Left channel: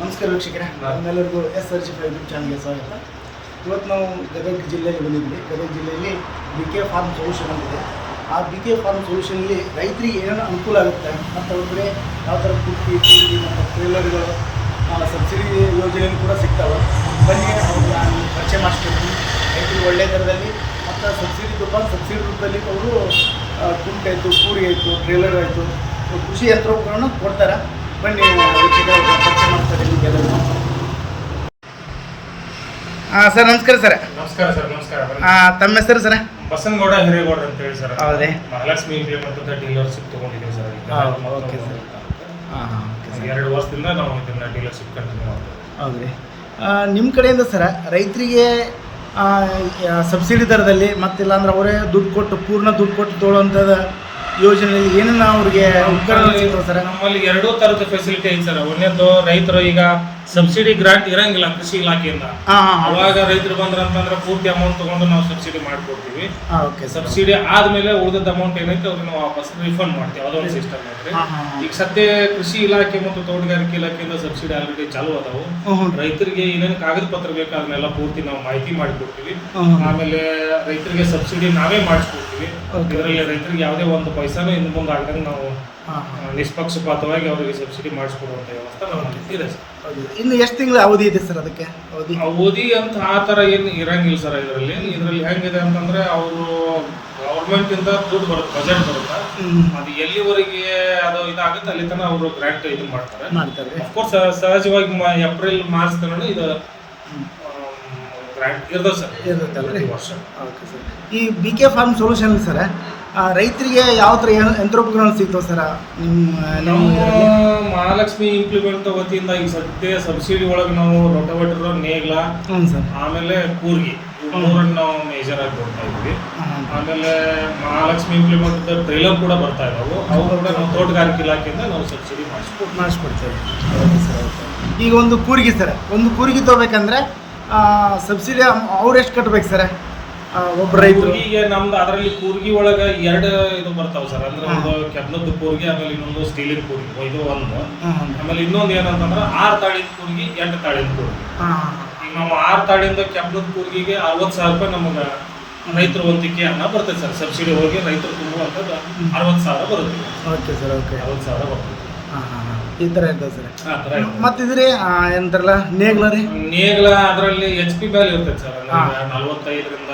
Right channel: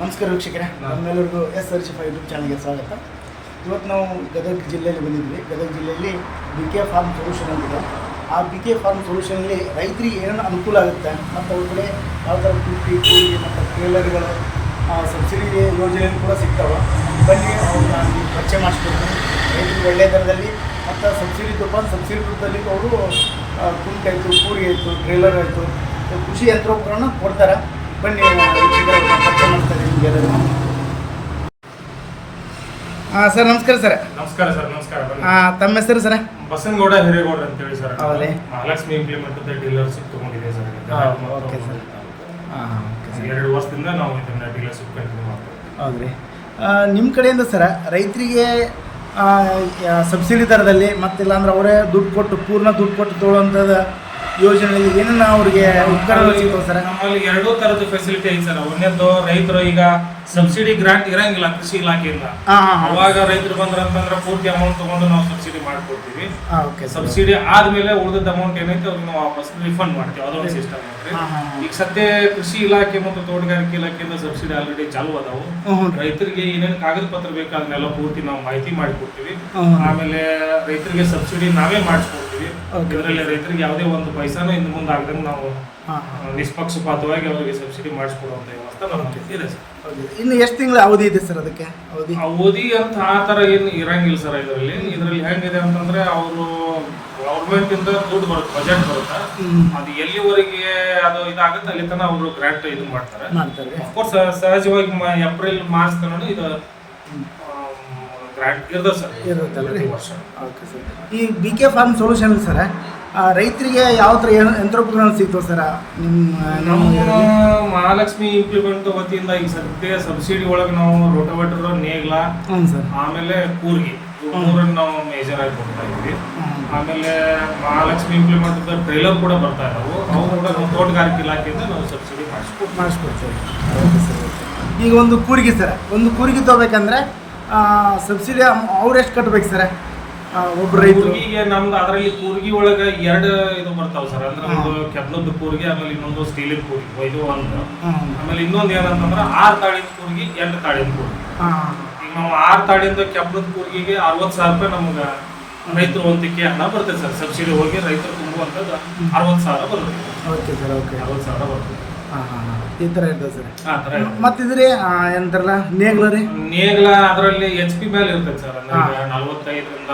ನಮಸ್ಕಾರ ವೀಕ್ಷಕರೇ. ನಮ್ಮೆಲ್ಲರಿಗೂ S R G five YouTube ಚಾನಲ್ಗೆ ಸ್ವಾಗತ. ಇವತ್ತು ನಾವು ಗದಗ ಜಿಲ್ಲೆಯಲ್ಲಿ ಬಂದಿದ್ವಿ ಗದಗ ಜಿಲ್ಲೆಯಲ್ಲಿ ಬಿ ಕೆ ಫಾರ್ಮ್ ಸೊಲ್ಯೂಷನ್ ಅಂತಿದೆ ಆ ಬಿ ಕೆ ಫಾರ್ಮ್ ಸೊಲ್ಯೂಷನಲ್ಲಿ ರೈತರಿಗೆ ಏನೇನು ಅನುಕೂಲ ಆಗುತ್ತೆ ಮತ್ತು ಅವ್ರ ಕಡೆ ಯಾವ ಥರ ಕುಟ್ಟಿ ಕೂಡಿ ಮತ್ತು ಟ್ರೇಲರ್ಗಳು ಸಬ್ಸಿಡಿ ಯೋಜನೆಯಲ್ಲಿ ಕೂಡ ಸಿಗ್ತಾವೆ. ಬನ್ನಿ ಅವ್ರು ನಾನು ಪರಿಚಯ ಮಾಡಿಸ್ಕೊಡ್ತೀನಿ. ರೈತರಿಗೆ ಒಳ್ಳೆಯ ದರದಲ್ಲಿ ಮತ್ತು ಸಬ್ಸಿಡಿ ತುಪ್ಪ ಸಬ್ಸಿಡಿ ರೂಪದಲ್ಲಿ ಅವರು ಕುಂಟೆ ಆಯಿತು ಕೂರಿ ಆಯಿತು ಟ್ರೇಲರ್ ಆಯಿತು ಕೃಷಿ ಯಂತ್ರೋಪಕರಣ ಕೊಡ್ತಾರೆ. ಬನ್ನಿ ವೀಕ್ಷಕರ ಪರಿಚಯ ಮಾಡ್ತಾರೆ ನಿಮಗೆ ಅದನ್ನು. ಹಾಂ ಸರ್ ನಮಸ್ಕಾರ ಸರ್. ನಮಸ್ಕಾರ ಸರ್ ನಮಸ್ಕಾರ ಹಾಂ ತಮ್ಮ ಹೆಸರು ಸರ್? ಬಸನಗೌಡ ಹಿರೇಗೌಡ ಅಂತ ಹೇಳಿ ಸರ್. ಹೌದ್ರಿ? ಮಹಾಲಕ್ಷ್ಮಿ ಇಂಪ್ಲಿಮೆಂಟ್ ಅಂತ ಡೀಲರ್ಶಿಪ್ ತಗೊಂಡಿದ್ದೀವಿ ಸರ್ ಓಕೆ ಸರ್. ಹಾಂ ಹಾಂ ಓಕೆ ಸರ್. ಎರಡು ವರ್ಷದಿಂದ ನಾವು ಇದನ್ನ ಡೀಲರ್ಶಿಪ್ ಕಂಟಿನ್ಯೂ ಮಾಡ್ತೇವೆ ಹೌದ್ರಿ. ನಿಮ್ಮ ಕಡೆಯಿಂದ ಸರ್ ರೈತರಿಗೆ ಸಬ್ಸಿಡಿ ದರದಲ್ಲಿ ಮತ್ತಿಲ್ಲ ಅಂದ್ರೆ ಅವರೇ ದುಡ್ಡು ಕೊಟ್ಟು ಪೂರ್ಣ ದುಡ್ಡು ಕೊಟ್ಟು ತೊಗೊಳ್ಳೋಂಥದ್ದು ಯೋಜನೆಯಲ್ಲಿ ಏನನ್ನ ಅವ್ರಿಗೆ ಉಪಕರಣ ಸಿಗ್ತಾವೆ ಸರ್? ನಮ್ಮಲ್ಲಿ ಎರಡೂ ತರದ ಫೆಸಿಲಿಟಿ ಐತೆ ಸರ್. ಒಂದೇದ್ದು ರೈತರು ಈಗ ಸಬ್ಸಿಡಿ ಗ್ರಾಂಟ್ ಇರಂಗಿಲ್ಲ ಕೃಷಿ ಇಲಾಖೆಯಿಂದ. ಅವಾಗ ರೈತರು ಬಂದ್ರಂತಂದ್ರೆ ಪೂರ್ತಿ ಅಮೌಂಟ್ ತಗೊಂಡು ನಾವು ಸಬ್ಸಿಡಿ ಮಾಡ್ಕೊಡ್ತೀವಿ. ಸಬ್ಸಿಡಿ ಆದ್ಮೇಲೆ ಉಳಿದ ಅಮೌಂಟ್ ಏನೈತೆ ಅವ್ರನ್ನ ವಾಪಸ್ ರಿಫಂಡ್ ಮಾಡ್ತೀವಿ. ಅದೊಂದು ಸಿಸ್ಟಮ್ ಐತ್ರಿ. ಈಗ ಸದ್ಯ ಕೃಷಿ ಇಲಾಖೆ ಮತ್ತು ತೋಟಗಾರಿಕೆ ಇಲಾಖೆಯಿಂದ ಸಬ್ಸಿಡಿ ಆಲ್ರೆಡಿ ಚಾಲು ಅದಾವು. ರೈತರಿಗೆ ಏನೇನು ಕಾಗದ ಪತ್ರ ಬೇಕು ಅದನ್ನೆಲ್ಲ ಪೂರ್ತಿ ನಾವು ಮಾಹಿತಿ ಮಾಡಿಕೊಡ್ತೀವಿ. ಆಮೇಲೆ ರೈತರಿಗೆ ಸಬ್ಸಿಡಿ ನಾವೇ ಮಾಡಿಸ್ಕೊಡ್ತೀವಿ. ಇದರಲ್ಲಿ ರೈತರಿಗೆ ಯಾವುದೇ ಒಂದು ಪೈಸಾನು ಇನ್ನು ಮುಂದೆ ಆಗದಂಗೆ ನಾವು ನಿಷ್ಪಕ್ಷಪಾತವಾಗಿ ಅವರಿಗೆ ಸಬ್ಸಿಡಿ ಮಾಡಿಸ್ಕೊಡುವಂತ ವ್ಯವಸ್ಥೆ ನಾವು ಇದೆ ಸರ್. ಇನ್ನು ಎಷ್ಟು ತಿಂಗಳ ಅವಧಿ ಇದೆ ಸರ್ ಅದಕ್ಕೆ? ಅವಧಿ? ಅವಧಿ ಅಂತ ಆ ಥರ ಏನು ಇರಂಗಿಲ್ಲ ಸರ್ ಇದರಲ್ಲಿ. ಇದರಲ್ಲಿ ಹೆಂಗಿದೆ ಅಂತಂದ್ರೆ ಅವರು ಗೌರ್ಮೆಂಟ್ ಇಂದ ದುಡ್ಡು ಬರುತ್ತೆ ಬಜೆಟ್ ಬರುತ್ತೆ. ಅದು ಎಲ್ಲಿವರೆಗೆ ಅದು ಇದಾಗುತ್ತೆ ಅಲ್ಲಿ ತನಕ ಅವರು ಗ್ರಾಂಟ್ ಇದು ಮಾಡ್ತಾರೆ. ಮಾಡ್ತಾರೆ. ಅಫ್ಕೋರ್ಸ್ ಸಹಜವಾಗಿ ಏಪ್ರಿಲ್ ಮಾರ್ಚ್ ತನಕ ಇದು ಗ್ರಾಂಟ್ ಇರ್ತದೆ ಸರ್. ಇರುತ್ತಲ್ಲ ರೀ ವರ್ಷ. Okay sir. ಈ B K farm solution sir. ರೈತರಿಗೆ ಯಾವ ಥರ ಯಂತ್ರೋಪಕರಣ ಸಿಗ್ತವೆ ಸರ್ ನಿಮ್ಮ ನಿಮ್ಮ ಇದರಲ್ಲಿ? ಮಹಾಲಕ್ಷ್ಮಿ ಇಂಪ್ಲಿಮೆಂಟ್ ವತಿಯಿಂದ ಈಗ ಸದ್ಯ ಸಬ್ಸಿಡಿ ಒಳಗೆ ನಾವು ರೋಟೋವೇಟರ್ ನೇಗ್ಲ ಹ್ಞೂ ಸರ್. ಆಮೇಲೆ ಕೂರ್ಗಿ. ಇವು ಮೂರನ್ನು ನಾವು ಮೇಜರ್ ಆಗಿ ಕೊಡ್ತಾ ಇದ್ವಿ. ಹ್ಞೂ ಆಮೇಲೆ ಮಹಾಲಕ್ಷ್ಮಿ ಇಂಪ್ಲಿಮೆಂಟ್ ಟ್ರೈಲರ್ ಕೂಡ ಬರ್ತಾ ಇದಾವು. ಅವು ಕೂಡ ನಮ್ಮ ತೋಟಗಾರಿಕೆ ಇಲಾಖೆಯಿಂದ ನಾವು ಸಬ್ಸಿಡಿ ಮಾಡಿಸ್ಕೊಡ್ತೀವಿ. ಮಾಡಿಸ್ಕೊಡ್ತೇವೆ. Okay sir okay. ಈಗ ಒಂದು ಕೂರಿಗೆ ಸರ್ ಒಂದು ಕೂರಿಗೆ ತೊಗೋಬೇಕಂದ್ರೆ ಸಬ್ಸಿಡಿ ಅವ್ರು ಎಷ್ಟು ಕಟ್ಬೇಕು ಸರ್? ಒಬ್ಬ ರೈತರು. ಈಗ ನಮ್ದು ಅದರಲ್ಲಿ ಕೂರ್ಗಿ ಒಳಗೆ ಎರಡು ಇದು ಬರ್ತಾವ ಸರ್. ಅಂದ್ರೆ ಒಂದು ಕೆಬ್ನದ್ದು ಕೂರ್ಗಿ ಆಮೇಲೆ ಇನ್ನೊಂದು ಸ್ಟೀಲಿನ ಕೂರ್ಗಿ ಇದು ಒಂದು. ಆಮೇಲೆ ಇನ್ನೊಂದು ಏನಂತಂದ್ರೆ ಆರು ತಾಳಿನ ಕೂರ್ಗಿ ಎಂಟು ತಾಳಿನ ಕೂರ್ಗಿ. ಈಗ ನಾವು ಆರು ತಾಳಿಂದ ಕೆಬ್ಬದ ಕೂರ್ಗಿಗೆ ಅರವತ್ತು ಸಾವಿರ ರೂಪಾಯಿ ನಮಗೆ ರೈತರು ಒಂದಿಕ್ಕೆ ಹಣ ಬರ್ತದೆ ಸರ್. ಸಬ್ಸಿಡಿ ಹೋಗಿ ರೈತರು ತುಂಬುವಂಥದ್ದು ಅರವತ್ತು ಸಾವಿರ ಬರುತ್ತೆ. Okay sir okay. ಅರವತ್ತು ಸಾವಿರ ಬರ್ತದೆ ಹಾಂ ಹಾಂ ಹಾಂ. ಈ ಥರ ಇರ್ತದೆ ಸರ್. ಆ ಥರ ಇದೆ. ಮತ್ತಿದ್ರಿ ಎಂತಾರಲ್ಲ ನೇಗ್ಲ ರೀ? ನೇಗ್ಲ ಅದರಲ್ಲಿ ಎಚ್ ಪಿ ಮೇಲೆ ಇರ್ತದೆ ಸರ್. ಅಂದ್ರೆ ನಲವತ್ತೈದರಿಂದ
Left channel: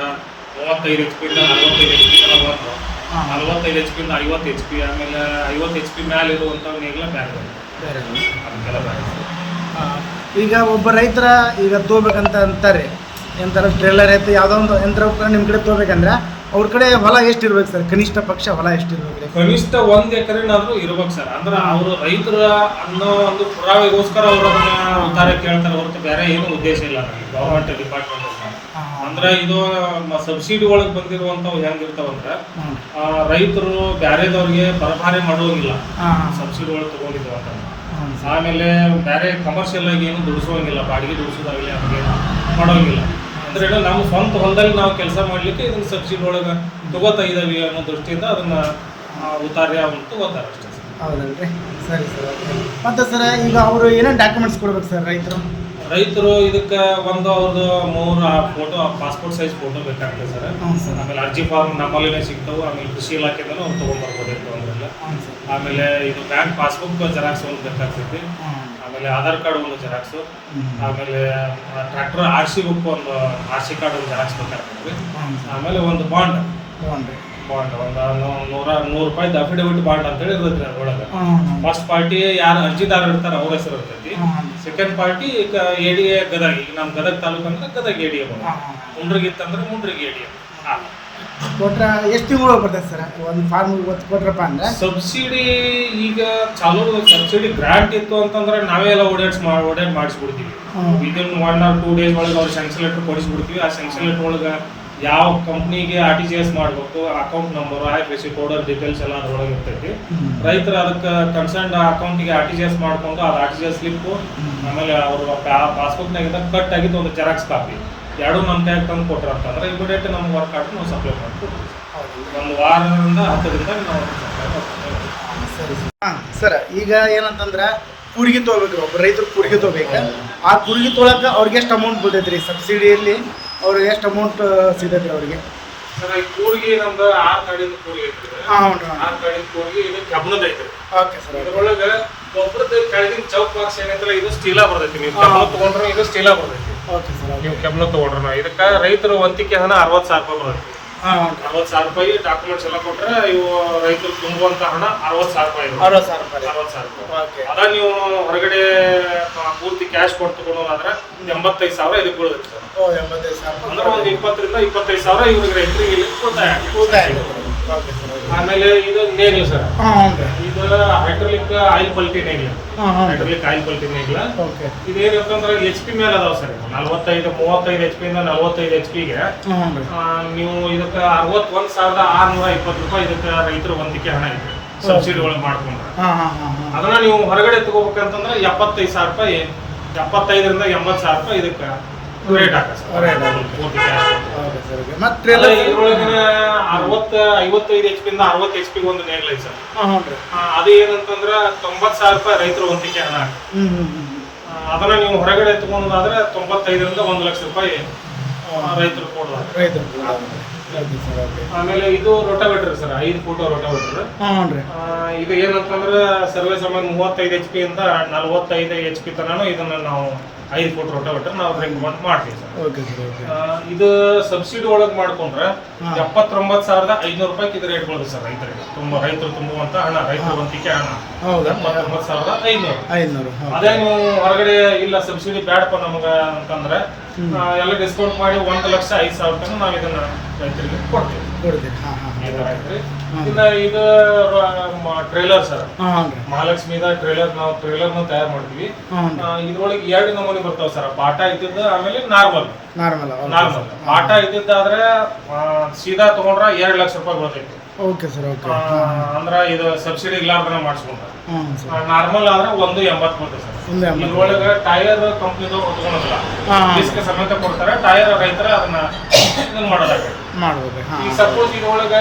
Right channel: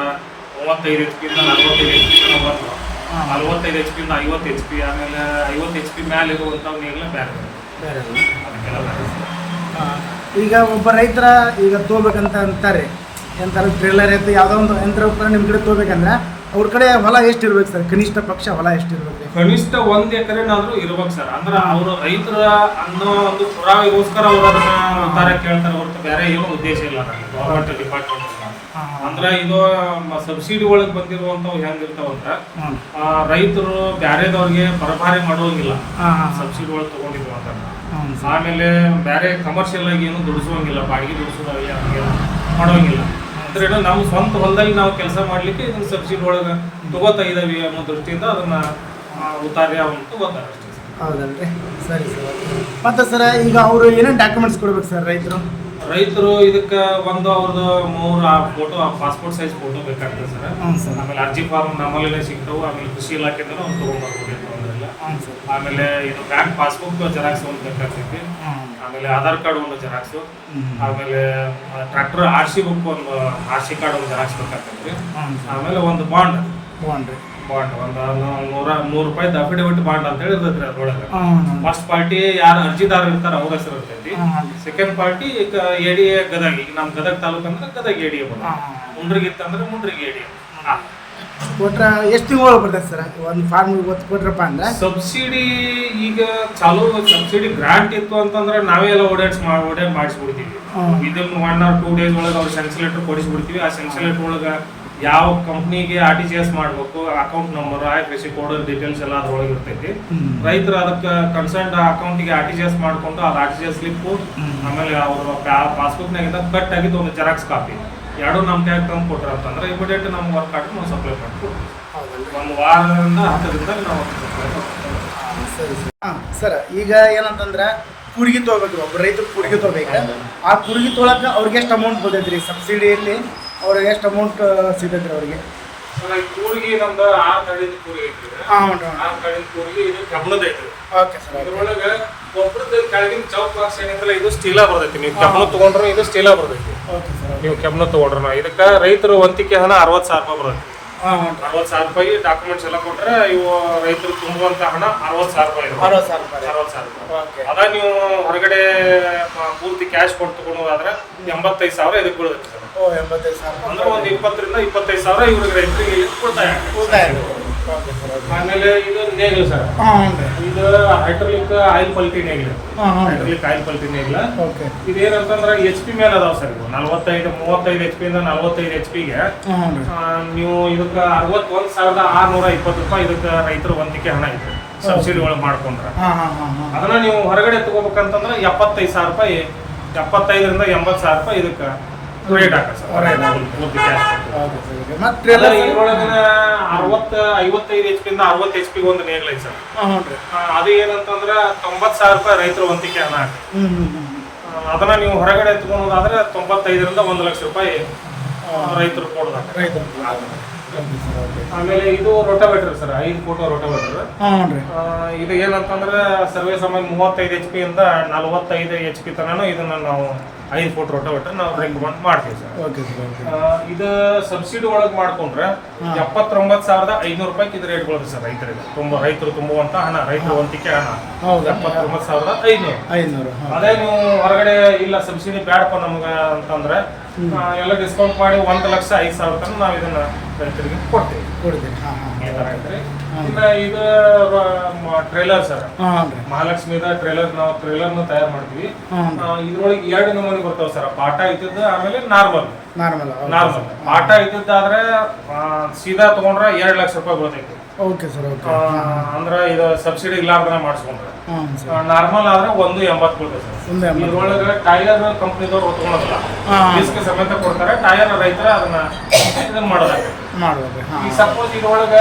ಮೂವತ್ತೈದು ಎಚ್ ಪಿ ಇಂದ ನಲವತ್ತೈದು ಎಚ್ ಪಿ ತನಕ ಬಂದು ಹಾಂ. ನಲವತ್ತೈದು ಎಚ್ ಪಿ ಇಂದ ಐವತ್ತು ಎಚ್ ಪಿ ಆಮೇಲೆ ಐವತ್ತು ಎಚ್ ಪಿ ಮೇಲೆ ಇರುವಂತ ನೇಗ್ಲ ಬೇರೆ ಬರುತ್ತೆ ಬೇರೆ ಅದಕ್ಕೆಲ್ಲ ಬೇರೆ ಹಾಂ. ಈಗ ಒಬ್ಬ ರೈತರ ಈಗ ತೋಬೇಕಂತ ಅಂತಾರೆ ಎಂತಾರ ಟ್ರೇಲರ್ ಐತೆ ಯಾವುದೋ ಒಂದು ಯಂತ್ರೋಪಕರಣ ನಿಮ್ಮ ಕಡೆ ತೊಗೋಬೇಕಂದ್ರೆ ಅವ್ರ ಕಡೆ ಹೊಲ ಎಷ್ಟು ಇರ್ಬೇಕು ಸರ್? ಕನಿಷ್ಠ ಪಕ್ಷ ಹೊಲ ಎಷ್ಟು ಇರ್ಬೇಕು ರೀ ಕನಿಷ್ಠ ಒಂದ್ ಎಕರೆನಾದ್ರೂ ಇರ್ಬೇಕು ಸರ್. ಅಂದ್ರೆ ಅವರು ರೈತರ ಅನ್ನೋ ಒಂದು ಪುರಾವೆಗೋಸ್ಕರ ಅವ್ರು ಅದನ್ನ ಉತ್ತಾರ ಕೇಳ್ತಾರೆ ಹೊರತು ಬೇರೆ ಏನು ಉದ್ದೇಶ ಇಲ್ಲ ನನಗೆ ಗೌರ್ಮೆಂಟ್ ಡಿಪಾರ್ಟ್ಮೆಂಟ್ ಅಂದ್ರೆ ಇದು ಸಬ್ಸಿಡಿ ಒಳಗೆ ಬಂದಿರುವಂತವು ಹೆಂಗಿರ್ತಾವಂದ್ರ ರೈತರು ಬ್ಯಾರೆದವ್ರಿಗೆ ಪರಭಾರೆ ಮಾಡೋಂಗಿಲ್ಲ. ಸಬ್ಸಿಡಿ ಒಳಗೆ ತಗೊಂಡಿದ್ರು ಅಂತಂದ್ರೆ ಆಮೇಲೆ ಬೇರೆ ಕಮರ್ಷಿಯಲ್ ಆಗಿ ಏನು ದುಡಿಸೋಂಗಿಲ್ಲ ಬಾಡಿಗೆ ದುಡಿಸೋದಾಗಲಿ ಹಂಗೇನು ಮಾಡೋಂಗಿಲ್ಲ. ಅಂದ್ರೆ ನಮ್ಮ ಸ್ವಂತ ಹೊಲದಲ್ಲಿ ನಾವು ಕೆಲಸ ಮಾಡ್ಲಿಕ್ಕೆ ಇದನ್ನ ಸಬ್ಸಿಡಿ ಒಳಗೆ ತಗೋತಾ ಇದ್ದಾವೆ ಅನ್ನೋ ದೃಷ್ಟಿಯಿಂದ ಅದನ್ನ ಉತ್ತಾರ್ಯ ಅವನು ತಗೋತಾರೆ ಅಷ್ಟೇ ಸರ್. ಹೌದಲ್ರಿ? ಸರಿ ಸರ್ ಓಕೆ ಮತ್ತು ಸರ್, ಈಗ ಅವರು ಏನೇನು ಡಾಕ್ಯುಮೆಂಟ್ಸ್ ಕೊಡ್ಬೇಕು ಸರ್ ರೈತರು? ರೈತರು ಇದಕ್ಕೆ ಒಂದು ಅವ್ರದ್ದು ಮೂರು ಆ ಫೋಟೋ ಪಾಸ್ಪೋರ್ಟ್ ಸೈಜ್ ಫೋಟೋ ಬೇಕಾಗ್ತದೆ ಸರ್. ಆಮೇಲೆ ಅರ್ಜಿ ಫಾರ್ಮ್ ನಮ್ಮಲ್ಲಿನೇ ಸಿಗ್ತಾವೆ. ಆಮೇಲೆ ಕೃಷಿ ಇಲಾಖೆಯಿಂದನೂ ಅವ್ರು ತೊಗೊಂಡ್ಬರ್ಬೋದಿತ್ತು ಅಂದ್ರಲ್ಲ ಸರ್. ಆಮೇಲೆ ಇದು ಬ್ಯಾಂಕ್ ಪಾಸ್ಬುಕ್ ಜೆರಾಕ್ಸ್ ಒಂದು ಬೇಕಾಗ್ತೈತಿ. ಆಮೇಲೆ ಆಧಾರ್ ಕಾರ್ಡ್ ಒಂದು ಜೆರಾಕ್ಸು ಆಮೇಲೆ ಟ್ರ್ಯಾಕ್ಟರ್ ಆರ್ ಸಿ ಬುಕ್ ಒಂದು ಆರ್ ಸಿ ಕಾರ್ಡ್ ಒಂದು ಜೆರಾಕ್ಸ್ ಬೇಕಾಗ್ತೈತಿ ಆಮೇಲೆ ಒಂದು ಬಾಂಡ್ ಹ್ಞೂ ರೀ. ಬಾಂಡ್ ಒಂದು ನೂರ ನೂರು ರೂಪಾಯಿದು ಅಫಿಡವಿಟ್ ಬಾಂಡ್ ಅಂತ ಹೇಳಿ ಇರ್ತೈತ್ರಿ ಅದ್ರೊಳಗೆ ಫಸ್ಟ್ ಪಾರ್ಟಿ ಯಾರು ಅರ್ಜಿದಾರ ಇರ್ತಾರೆ ಅವ್ರ ಹೆಸರು ಇರ್ತೈತಿ. Second party A D A Gadag ಈಗ ನಮ್ಮ ಗದಗ ತಾಲೂಕು ಅಂದ್ರೆ ಗದಗ ಎ ಡಿ ಎ ಬಂದ ಮುಂಡ್ರಿಗೆ ಇತ್ತಂದ್ರೆ ಮುಂಡ್ರಿಗೆ ಎ ಡಿ ಎ ಕೊಟ್ರೆ ಎಷ್ಟು ತಿಂಗಳು ಬರ್ತೈತೆ ಸರ್? ಒಂದು ಫಾರ್ಮ್ ಒತ್ತು ಕೊಟ್ರಪ್ಪ ಅಂದ್ರೆ? ಸಬ್ಸಿಡಿ ಈಗ ಚಾಲೂ ಸಬ್ಸಿಡಿ ಗ್ರಾಂಟ್ ಇತ್ತು ಅಂತಂದ್ರೆ ನಾವೇ ಎಲ್ಲ ಓಡಾಡ್ಸ್ ಮಾ ಓಡಾಡ್ ಮಾಡಿಸ್ಬಿಡ್ತೀವಿ. ಇದನ್ನ ಒನ್ ಆರ್ ಟೂ ಡೇಸ್ ಒಳಗೆ ಅವ್ರು ಸೆನ್ಸ್ ಲೆಟರ್ ಕೊಡಿಸ್ಬಿಡ್ತೀವಿ. ಆ ಸೆನ್ಸಲ್ ಲೆಟರ್ ಒಳಗೆ ಯಾವ ಕಂಪ್ನಿಗೆ ಆರ್ ಟಿ ಜಿ ಎಸ್ ಮಾಡಬೇಕು account number I F S C coder details ಎಲ್ಲ ಅದ್ರೊಳಗೆ ಇರ್ತೈತಿ. ರೈತರು ಅದಕ್ಕೆ ಕನ್ಸರ್ನ್ ಅಕೌಂಟಿಗೆ ಆರ್ ಟಿ ಜಿ ಎಸ್ ಮಾಡ್ಕೊಂಡು ಅದು R T G S slip ಆಮೇಲೆ ಅವ್ರ ಪಾಸ್ಬುಕ್ನಾಗಿದ್ದ ಕಟ್ ಆಗಿದ್ದು ಒಂದು ಜೆರಾಕ್ಸ್ ಕಾಪಿ ಎರಡು ನಮ್ಮ ಕೈಗೆ ತಂದು ಕೊಟ್ರ ಅಂತಂದ್ರೆ ಇಮಿಡಿಯೇಟ್ ನಮ್ಮ ವರ್ಕ್ ಆಗಿ ನಾವು ಸಪ್ಲೈ ಮಾಡ್ಕೊಡ್ತೀವಿ. ಒಂದು ವಾರದಿಂದ ಹತ್ತು ದಿನದಾಗ ನಾವು ಸರಿ ಸರ್. ಹಾಂ ಸರ್ ಈಗ ಏನಂತಂದ್ರೆ ಕೂರಿಗೆ ತೊಗೋಬೇಕ್ರಿ ಒಬ್ಬ ರೈತರು ಕೂರಿಗೆ ತೊಗೋಬೇಕು. ಆ ಕೂರಿಗೆ ತೊಗೊಳಕ್ಕೆ ಅವ್ರಿಗೆ ಎಷ್ಟು ಅಮೌಂಟ್ ಬರ್ತೈತೆ ರೀ ಸಬ್ಸಿಡಿಯಲ್ಲಿ ಅವ್ರಿಗೆ ಎಷ್ಟು ಅಮೌಂಟ್ ಸಿಗ್ತೈತೆ ರೀ ಅವರಿಗೆ? ಸರ್ ಈ ಕೂರ್ಗಿ ನಮ್ದು ಆರು ತಳಿನ ಕೂರ್ಗಿ ಐತ್ರಿ. ಹಾಂ ಹ್ಞೂ ಆರು ತಳಿನ ಕೂರ್ಗಿ ಇದು ಕಬ್ಬಣದ ಐತ್ರಿ. ಓಕೆ ಸರ್ ಅದ್ರೊಳಗೆ ಗೊಬ್ಬರದ ಕೆಳಗಿನ ಚೌಕ್ ಬಾಕ್ಸ್ ಏನೈತ್ರ ಇದು ಸ್ಟೀಲ ಬರ್ತೈತಿ ನೀವು ಕಬ್ಬಣ ತಗೊಂಡ್ರೆ ಇದು ಸ್ಟೀಲ ಬರ್ತೈತಿ ಓಕೆ ಸರ್ ನೀವು ಕಬ್ಬಣ ತಗೊಂಡ್ರೆ ಇದಕ್ಕೆ ರೈತರು ವಂತಿಕೆ ಹಣ ಅರವತ್ತು ಸಾವಿರ ರೂಪಾಯಿ ಬರುತ್ತೆ ಅರವತ್ತು ಸಾವಿರ ರೂಪಾಯಿ ಡಾಕ್ಯುಮೆಂಟ್ಸ್ ಎಲ್ಲ ಕೊಟ್ರೆ ಇವು ರೈತರು ತುಂಬುವಂತ ಹಣ ಅರವತ್ತು ಸಾವಿರ ರೂಪಾಯಿ. ಅರವತ್ತು ಸಾವಿರ ರೂಪಾಯಿ. ಅರವತ್ತು ಸಾವಿರ ರೂಪಾಯಿ. ಓಕೆ. ಅದ ನೀವು ಹೊರಗಡೆ ಪೂರ್ತಿ ಕ್ಯಾಶ್ ಕೊಟ್ಟು ತಗೊಳೋದಾದ್ರೆ ಎಂಬತ್ತೈದು ಸಾವಿರ ಇದಕ್ಕೆ ಬೀಳುತ್ತೆ ಅಂದ್ರೆ ಒಂದು ಇಪ್ಪತ್ತರಿಂದ ಇಪ್ಪತ್ತೈದು ಸಾವಿರ ಇವ್ರಿಗೆ ರೈತರಿಗೆ ಇಲ್ಲಿ ಉಳಿತಾಯ. ಉಳಿತಾಯ ಆಮೇಲೆ ಇದು ನೇಗ್ಲು ಸರ್. ಹಾಂ ರೀ. ಇದು ಹೈಡ್ರೋಲಿಕ್ ಆಯಿಲ್ ಪಲ್ಟಿ ನೇಗ್ಲು. ಹಾಂ ಹೈಡ್ರೋಲಿಕ್ ಆಯಿಲ್ ಪಲ್ಟಿ ನೇಗ್ಲ. ಓಕೆ. ಇದೇನಂತಂದ್ರೆ ಎಚ್ ಪಿ ಮೇಲೆ ಅದಾವ ಸರ್ ಇವು. ನಲವತ್ತೈದು ಮೂವತ್ತೈದು ಎಚ್ ಪಿಯಿಂದ ನಲವತ್ತೈದು ಎಚ್ ಪಿಗೆ ನೀವು ಇದಕ್ಕೆ ಅರವತ್ತೊಂದು ಸಾವಿರದ ಆರ್ನೂರ ಇಪ್ಪತ್ತು ರೂಪಾಯಿ ಇದಕ್ಕೆ ರೈತರು ಒಂದಕ್ಕೆ ಹಣ ಇದೆ ಸಬ್ಸಿಡಿ ಒಳಗೆ ಮಾಡ್ಕೊಂಡ್ರೆ. ಅದನ್ನ ನೀವು ಹೊರಗಡೆ ತಗೋಬೇಕಂತಂದ್ರೆ ಎಪ್ಪತ್ತೈದು ಸಾವಿರ ರೂಪಾಯಿ ಎಪ್ಪತ್ತೈದರಿಂದ ಎಂಬತ್ತು ಸಾವಿರ ರೂಪಾಯಿ ಇದಕ್ಕೆ ರೇಟ್ ಹಾಕ ಸರ್ Rate ಹಾಕುತ್ತೆ. ಪೂರ್ತಿ ಓಕೆ ಸರ್ ಓಕೆ ಮತ್ತೆ ಎಲ್ಲ ಇದ್ರೊಳಗಿನ ಅರವತ್ತು ಐವತ್ತೈದು ಎಚ್ ಪಿಯಿಂದ ಅರವತ್ತು ಎಚ್ ಪಿಗೆ ಒಂದು ನೇಗ್ಲ ಐತೆ ಸರ್ ಹಾಂ ರೀ. ಅದು ಏನಂತಂದ್ರೆ ತೊಂಬತ್ತು ಸಾವಿರ ರೂಪಾಯಿ ರೈತರು ಒಂತಿಕೆ ಹಣ ಹ್ಞೂ ಹ್ಞೂ ಹ್ಞೂ ಅದನ್ನ ನೀವು ಹೊರಗಡೆ ತಗೊಳೋದಾದ್ರೆ ತೊಂಬತ್ತೈದರಿಂದ ಒಂದು ಲಕ್ಷ ರೂಪಾಯಿ ರೈತರು ಕೊಡೋದಾಗ ರೈತರು ಆಮೇಲೆ ಇದು ರೋಟಾವೇಟರ್ ಸರ್ ಐದು ಫೋಟೋ ರೋಟಾವೇಟರ್ ಹಾಂ ಹ್ಞೂ ರೀ. ಇದು ಏನಂತಂದ್ರೆ ಸರ್ವೇ ಸಮಯ ಮೂವತ್ತೈದು ಎಚ್ ಪಿ ಇಂದ ನಲವತ್ತೈದು ಎಚ್ ಪಿ ತನಕ ಇದನ್ನ ನಾವು ಐದು ಫೋಟ್ ರೋಟೋವೇಟರ್ ನಾವು ರೆಕಮೆಂಡ್ ಮಾಡ್ತೀವಿ ಸರ್. ಓಕೆ ಸರ್ ಓಕೆ ಇದು ಸಬ್ಸಿಡಿ ಒಳಗೆ ಮಾಡ್ಕೊಂಡ್ರೆ. ಎಪ್ಪತ್ತೊಂಬತ್ತು ಸಾವಿರದ ಐನೂರು ರೂಪಾಯಿ ಇದು ರೇಟ್ ಬೀಳುತ್ತೆ ಸರ್ ರೈತರಿಗೆ. ತುಂಬ ರೈತರು ತುಂಬುವಂತ ಹಣ ರೈತರ ವಂತಿಕೆ ಹಣ. ಹೌದಾ? ಎಪ್ಪತ್ತೊಂಬತ್ತು ಸಾವಿರದ ಐನೂರು. ಐನೂರು ಅದೇ ನೀವು ಹೊರಗಡೆ ಇಲ್ಲ ಸಬ್ಸಿಡಿ ಬ್ಯಾಡಪ್ಪ ನಮ್ಗೆ ಅಂತಂದ್ರೆ ಎಲ್ಲ ಡಿಸ್ಕೌಂಟ್ ಮಾಡಿ ಒಂದ್ ಲಕ್ಷ ಐದ್ ಸಾವಿರ ತನಕ ನಾವು ಇದನ್ನ ರೈತರಿಗೆ ಕೊಡ್ತೀವಿ. ಕೊಡ್ತೀರಿ. ಹಾಂ ಹಾಂ ಹಾಂ. ಆಯ್ತ್ರಿ? ಹಾ. ಇನ್ನ ಇದು ಟ್ರೇಲರ್ ಸರ್. ಮಹಾಲಕ್ಷ್ಮಿದ ಟ್ರೇಲರ್ ನಾವು ಟ್ರೇಲರ್ನ ತಯಾರು ಮಾಡ್ತೀವಿ. ಇದ್ರೊಳಗೆ ಎರಡು ನಮೂನಿ ಬರ್ತಾವ ಸರ್. ಪಾಠ ಇದ್ದದ್ದು ಆಮೇಲೆ ನಾರ್ಮಲ್ ನಾರ್ಮಲ್ ನಾರ್ಮಲ್ ಪಾಠ ಇದ್ದದ್ದಾದ್ರೆ ಸೀದಾ ತಗೊಂಡ್ರೆ ಎರಡ್ ಲಕ್ಷ ರೂಪಾಯಿ ಬರ್ತೈತಿ. ಓಕೆ ಸರ್ ಓಕೆ ಅಂದ್ರ ಇದು ಸಬ್ಸಿಡಿ ಇಲ್ಲಾರ್ದನೆ ಮಾಡಿಸ್ಕೊಂಡ್ರೆ. ನಾರ್ಮಲ್ ಆದ್ರೆ ಒಂದು ಎಂಬತ್ತು ಬರ್ತೈತೆ ಸರ್ ಇದ್ರೊಳಗೆ ಟೈರ್ ಕಂಪ್ನಿದವ್ರು ಹೊತ್ಕೊಳೋದಿಲ್ಲ ಸಮೇತ ಕೊಡ್ತಾರೆ ಟೈರ್ ರೈತರ ಅದನ್ನ ಇದನ್ನ ಹಾಂ. ಈ ಸಪೋಸ್ ಇದ್ರೊಳಗ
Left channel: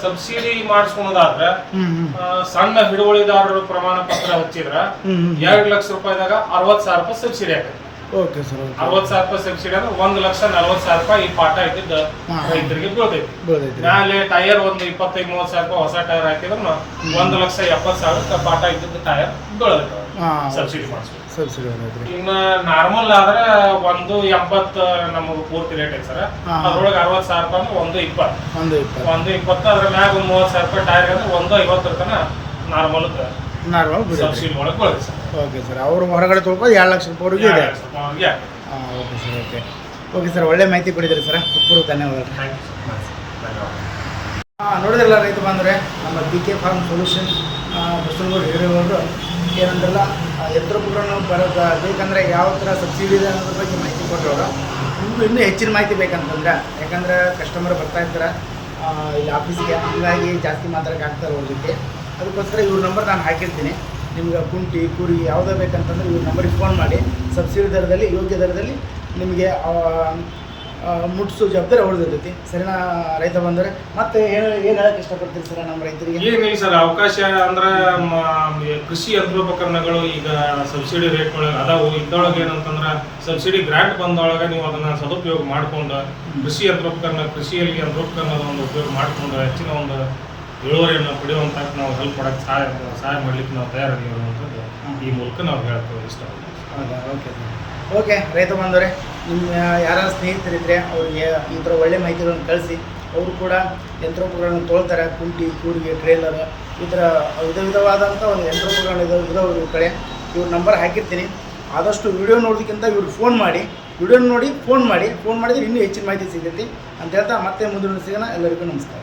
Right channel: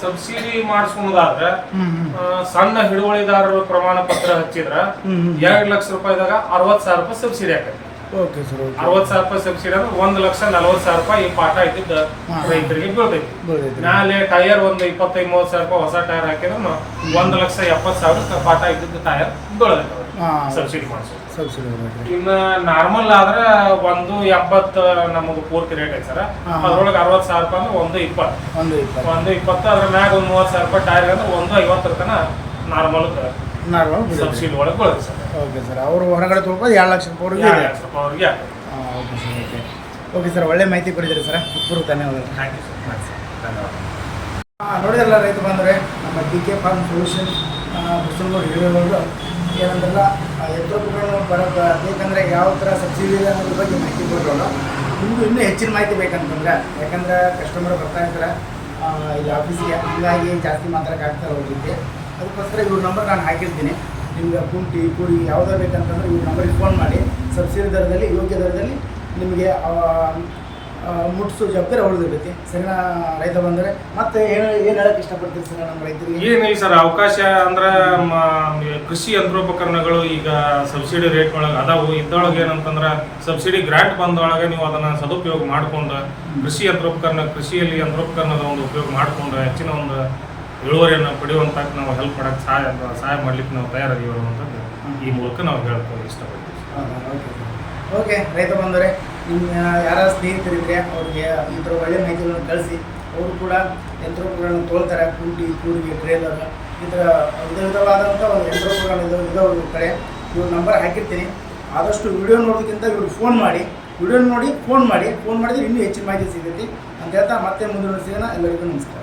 ಸಬ್ಸಿಡಿ ಮಾಡಿಸ್ಕೊಳೋದಾದ್ರೆ ಸಣ್ಣ ಹಿಡುವಳಿದಾರರು ಪ್ರಮಾಣ ಪತ್ರ ಹಚ್ಚಿದ್ರ ಎರಡ್ ಲಕ್ಷ ರೂಪಾಯಿದಾಗ ಅರವತ್ ಸಾವಿರ ರೂಪಾಯಿ ಸಬ್ಸಿಡಿ ಆಗ್ತದೆ. ಓಕೆ ಸರ್ ಅರವತ್ತು ಅರವತ್ ಸಾವಿರ ರೂಪಾಯಿ ಸಬ್ಸಿಡಿ ಅಂದ್ರೆ ಒಂದ್ ಲಕ್ಷ ನಲವತ್ ಸಾವಿರ ರೂಪಾಯಿ ಈ ಪಾಠ ಇದ್ದಿದ್ದ ರೈತರಿಗೆ ಬೀಳ್ತೈತಿ ನಾಳೆ ಟೈರ್ ಒಂದು ಇಪ್ಪತ್ತೈದು ಮೂವತ್ತು ಸಾವಿರ ರೂಪಾಯಿ ಹೊಸ ಟೈರ್ ಹಾಕಿದ್ರು ಒಂದ್ ಲಕ್ಷ ಎಪ್ಪತ್ತು ಸಾವಿರ ಪಾಠ ಇದ್ದಿದ್ದ ಟೈರ್ ಬೀಳತೈತಿ ಸಬ್ಸಿಡಿ ಮಾಡಿಸೋದು. ಸಬ್ಸಿಡಿ ಬರ್ತೈತೆ ಇನ್ನು ನಾರ್ಮಲ್ ಆದ್ರೆ ಒಂದು ಎಂಬತ್ತು ನಮಗೆ ಪೂರ್ತಿ ರೇಟ್ ಐತೆ ಸರ್. ಅದ್ರೊಳಗೆ ಅರವತ್ತು ಸಾವಿರ ರೂಪಾಯಿ ಅಂದ್ರೆ ಒಂದು ಇಪ್ಪತ್ತು. ಒಂದು ಇಪ್ಪತ್ತು. ಒಂದು ಇಪ್ಪತ್ತು ಅದ್ರ ಮ್ಯಾಗ ಒಂದು ಮೂವತ್ತು ಸಾವಿರ ರೂಪಾಯಿ ಟೈರ್ ಅಂದ್ರೆ ಒಂದು ಐವತ್ತರ ತನಕ ನಾರ್ಮಲ್ ನಾರ್ಮಲ್ ಬೀಳ್ತೈತೆ ರೀ ಸಬ್ಸಿಡಿ ಒಳಗೆ ಬೀಳುತ್ತೆ ಸರ್. ಓಕೆ ಸರ್ ಅವರು ಹೊರಗಡೆ ತೊಳ್ಕೊಂಡು ಎರಡು ಲಕ್ಷ ರೂಪಾಯಿವರೆಗೂ ಇದೆ. ಸರ್ ಅವ್ರಿಗೆ ಆಗ್ತದೆ. ಹಾಂ okay sir okay. Okay sir ಒಳ್ಳೆ ಮಾಹಿತಿ ಕೊಡಿದ್ರಿ ಸರ್. ಉತ್ಪೂರ್ವ ಧನ್ಯವಾದಗಳು. You, sir. ಧನ್ಯವಾದ ಹಾಂ ನೋಡಿದ್ರಲ್ಲ ರೈತ ಬಂದರೆ ನಮ್ಮ D K farm solution Basavanagouda ಹಿರಿಯವರು ಏನಂದ್ರಲ್ಲ ಆ, ಯಂತ್ರೋಪಕರಣ ಬರ ಬ- ಬೇಕಂದ್ರೆ ಯಾವ ಥರ ಸಬ್ಸಿಡಿ ಇದೆ ಅನ್ನೋದ್ರ ಬಗ್ಗೆ ಮಾಹಿತಿ ಕೊಟ್ಟರು ನಿಮಗೂ ಇನ್ನೂ ಹೆಚ್ಚಿನ ಮಾಹಿತಿ ಬೇಕಂತಂದ್ರೆ ಯಾಕಂದ್ರೆ ಕಸ್ಟಮರ್ ಬರ್ತಾ ಇರ್ತಾರೆ ಆ, ಇಲ್ಲಿ ಆಫೀಸಿಗೆ ಹಂಗಾಗಿ ಜಾಸ್ತಿ ಮಾತಾಡೋಕೆ ಆಗ್ತಾರೆ ಅವ್ರ ಜೊತೆ. ಅದಕ್ಕೋಸ್ಕರ ಇವ್ರ ನಂಬರ್ ನಾನು ಹಾಕಿರ್ತೀನಿ. ನಿಮ್ಗೆ ಕುಂಟಿ ಕುರಿ ಯಾವುದೇ ಬೇಕಂತಂದ್ರೆ ಇವ್ರ ನಂಬರಿಗೆ ಫೋನ್ ಮಾಡಿ. ಸಬ್ಸಿಡಿ ದರದಲ್ಲಿ ಯೋಗ್ಯ ದರದಲ್ಲಿ ನಿಮಗೆ ಮುಟ್ಸೋ ಜವಾಬ್ದಾರಿ ಅವ್ರದ್ದಿರ್ತೈತಿ ಸರಿನಾ ರೈತ ಬಂದರೆ? ಮತ್ತೆ ಏನು ಏನು ಹೇಳಕ್ಕೆ ಇಷ್ಟಪಡ್ತೀರಿ ಸರ್ ನಮ್ಮ ರೈತರಿಗೆ? ಏನಿಲ್ಲ ಸರ್ ಅವಕಾಶ ಅಂದ್ರೆ ಕೃಷಿ ಯಂತ್ರೋಪಕರಣಗಳು ಈಗ ಸಬ್ಸಿಡಿ ರೇಟ್ ಒಳಗೆ ಅದಾವು. ಇದ್ದೊಳಗೆ ಏನಂತಂದ್ರೆ ಸಬ್ಸಿಡಿ ಗ್ರಾಂಟ್ ಬಂದೊಳಗೆ ನೀವು ಅದನ್ನ ಸದುಪಯೋಗ ಮಾಡ್ಕೊಂಡು ಕೃಷಿ ಯಂತ್ರೋಪಕರಣ ಕೃಷಿಯಲ್ಲಿ ಯಂತ್ರೋಪಕರಣದ ಒಂದು ಉಪಯೋಗ ಮಾಡ್ಕೊಂಡು ಹೆಚ್ಚಿನ ಒಂದು ಇಳುವರಿಯನ್ನು ಪಡೆಯುವಂತ ನಾವು ಹೆಲ್ಪ್ ಮಾಡಕ್ಕೆ ಸಹಾಯ ಸಹಾಯ ಮಾಡ್ಲಿಕ್ಕೆ ನಾವು ತಯಾರಾಗಿ ಅನ್ನುವಂಥದ್ದು ಈ ಮೂಲಕ ನಾವು ಹೇಳ್ಕೊ ಇಷ್ಟಪಡ್ತೀವಿ. ಹೌದಾ? ಓಕೆ ಓಕೆ ರೈತ ಬಂದವರೇ ನಿಮ್ಮ ಯಾರ ಸ್ನೇಹಿತರಿದ್ರೆ ಅವ್ರಿಗೆ ಈ ಥರ ಒಳ್ಳೆ ಮಾಹಿತಿಗಳನ್ನು ಕಳಿಸಿ ಅವರು ಕೂಡ ಯಂತ್ರೋಪಕರಣ ತೊಳ್ತಾರೆ ಕುಂಟಿ ಕೂರಿಗೆ ಟ್ರೇಲರ್ ಈ ಥರ ವಿಧ ವಿಧವಾದಂಥ ಒಂದು ಯಂತ್ರೋಪಕರಣ ಇದಾವೆ ಕಡೆ. ಇವ್ರ ನಂಬರ್ ಹಾಕಿರ್ತೀನಿ. ಆದಷ್ಟು ವಿಡಿಯೋ ನೋಡೋದಕ್ಕಿಂತ ಇವ್ರಿಗೆ ಫೋನ್ ಮಾಡಿ. ವಿಡಿಯೋ ನೋಡಿ ಫೋನ್ ಮಾಡಿ. ಫೋನ್ ಮಾಡಿದ್ರೆ ಇನ್ನೂ ಹೆಚ್ಚಿನ ಮಾಹಿತಿ ಸಿಗ್ತೈತಿ. ಅಂತ ಹೇಳ್ತಾ ಮತ್ತೆ ಮುಂದಿನ ಸಿಗೋಣ. ಎಲ್ಲರಿಗೂ ನಮಸ್ಕಾರ.